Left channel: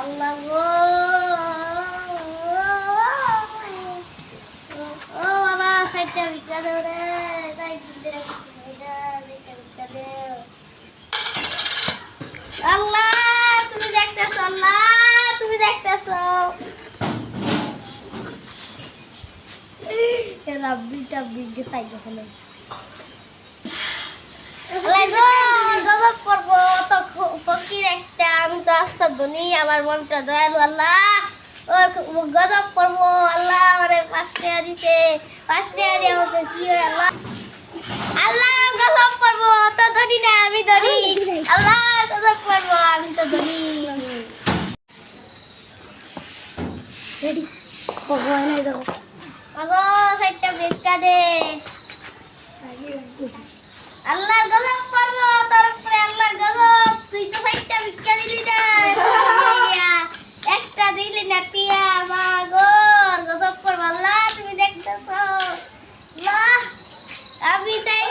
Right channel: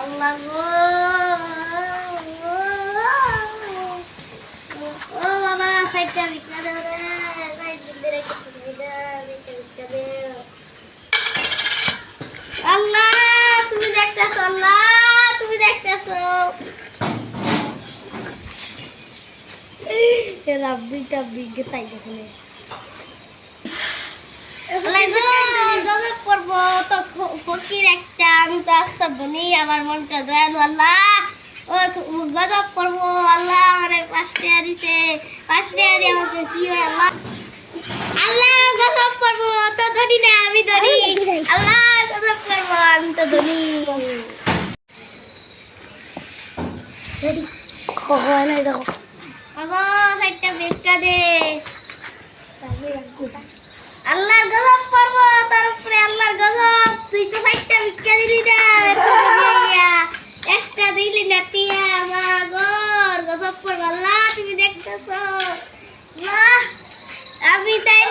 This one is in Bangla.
আল্লাহ গো ও বাবা সাইডটা ভিক্ষা দাও রে সাইডটা ভিক্ষা দাও আল্লাহ তুমি দেখতেছো আল্লাহ তুমি দেখতেছো রাব্বি টাব্বি কে সাইডে ফেলে গজব করবো তো ফকির একটা আমি তো আস্তে ধনী আমার মনটা দয়ালু আল্লাহ ওর গজব করবো আল্লাহ আমার 5 টাকা দিছে 5 টাকা দিয়ে আমার কি হয় আল্লাহ আল্লাহ গজব করবো তো ধনী না আমি ধনী আল্লাহ গজব করবো আমি তো ধনী রেডি হয় না দেখো আগো একটা ভিক্ষা দে আল্লাহর গজব পড়ব তোর উপরে আল্লাহর গজব তুই তো একটা ভিক্ষা দিলি না একটা দিলি না টিয়া আমার গজব পড়ব আল্লাহ তুমি দেখতেছো আল্লাহ আমি চাই